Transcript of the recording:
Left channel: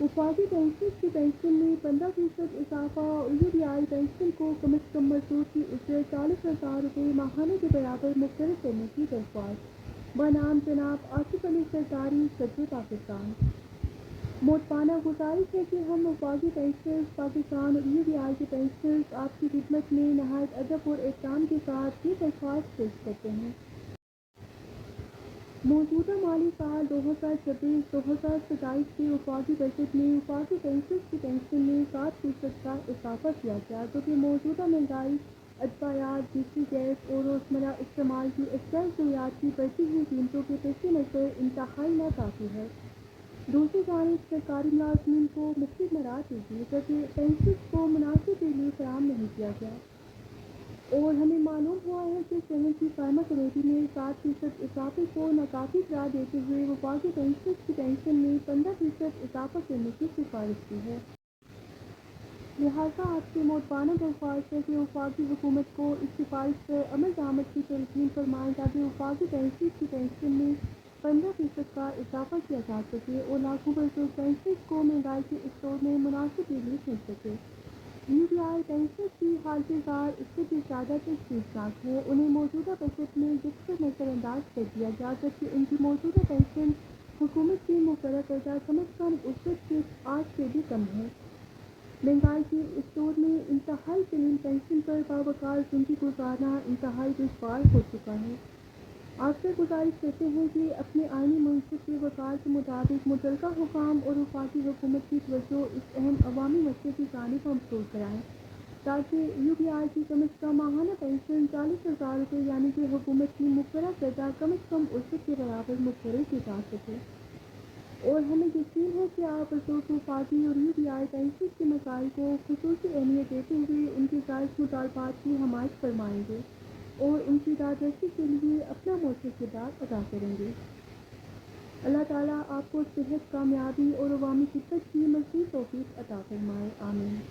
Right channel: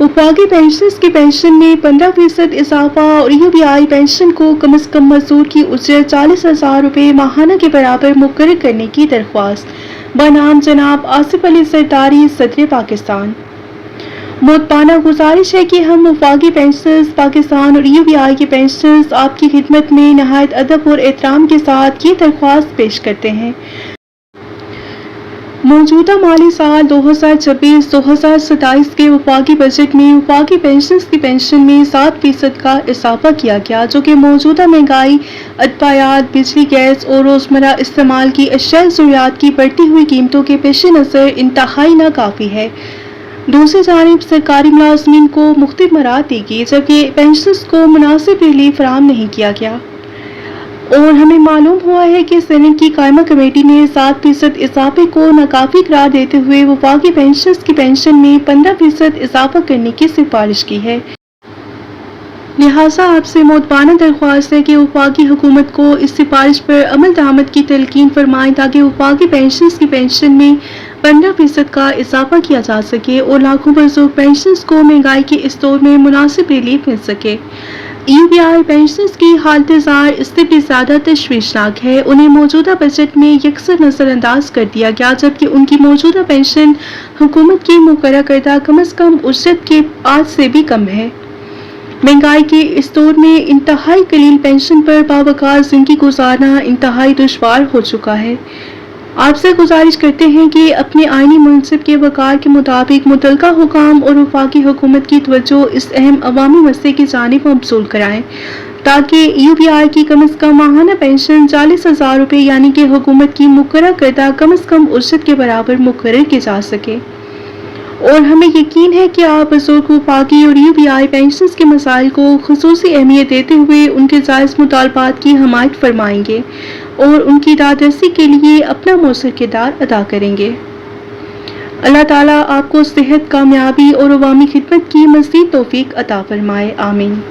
वफाकी पेंशनर्स की पेंशन में 15% इजाफा और यूबीआई पेंशन को कम अज़ कम मजदूर की उजरत 40,000 रुपये माहाना के बराबर मुकर्रर करने की दरख्वास्त बनाम जनाब आसिफ अली सरदारी, सदर पाकिस्तान। मोहताना गुजारिश है कि हम वफाकी पेंशनर्स पाकिस्तान और यूबीआई के पेंशनर्स आपकी खिदमत में नहायत अदब और एहतराम के साथ ये दरख्वास्त पेश करते हैं। मौजूदा माली साल 2026-2027 के वफाकी बजट में वफाकी पेंशनर्स की पेंशन में 7% का इजाफा किया गया, जो कि मौजूदा महंगाई, अदवायात, बिजली, गैस और रोज़मर्रा इस्तेमाल की अशियाई ज़रूरियात की बढ़ती हुई कीमतों के पेश नज़र इंतहाई नाकाफ़ी है। दूसरी जानिब सरकारी मुलाजमीन को मुख्तलिफ मराहत दी गई, जबकि पेंशनर्स को मुनासिब रिलीफ फराहम नहीं किया गया। और हमें मालूम हुआ है कि सेनेट की कायमा कमेटी ने 7% इजाफे को नाकाफी करार देते हुए वफाकी पेंशनर्स की पेंशन में 15% इजाफा करने की सिफारिश की है। लिहाजा आपसे मोहताना दरख्वास्त है कि वफाकी हुकूमत को इस सिफारिश पर अमल दरामद की तलकीन फरमाएं, ताकि वफाकी पेंशनर्स की पेंशन में 15% का इजाफा किया जा सके और लाखों बुजुर्ग पेंशनर्स को महंगाई के इस दौर में मुनासिब रिलीफ मिल सके। यूबीआई पेंशनर्स की हालत ज़ार इससे भी ज़्यादा तशवीशनाक है। उन्हें मौजूदा बजट में यकसर नज़रअंदाज कर दिया गया, जबकि उनकी मौजूदा पेंशन हुकूमत की मुकर्रर करदा कम अज़ कम उजरत के आज से भी कम है। महंगाई के इस दौर में इंतहाई कलील पेंशन पर बावकार ज़िंदगी गुजारना इंतहाई दुश्वार हो चुका है। आपसे गुजारिश करते हैं कि अपने आईनी मुनसिब के वक़ार के मुताबिक मुतलका हुकाम और वफाकी हुकूमत की तवज्जो इस अहम अवामी मसले की जानिब मबसूल कराएं, ताकि यूबीआई की कम अज़ कम माहाना पेंशन 40,000 रुपये यानी कि हुकूमत की मुकर्रर करदा कम अज़ कम उजरत के बराबर मुकर्रर की जा सके। और हमें यकीन है कि आप बुजुर्ग वफाकी और यूबीआई पेंशनर्स के मसाइल को खुसूसी अहमियत देते हुए उनके जायज़ मुतालबात की हमायत फरमाएंगे और उनकी दादरसी के लिए अपना मौसर किरदार अदा करेंगे। अल्लाह ताला आपको सेहत, कामयाबी और अवामी खिदमत की मज़ीद तौफीक अता फरमाए। आमीन।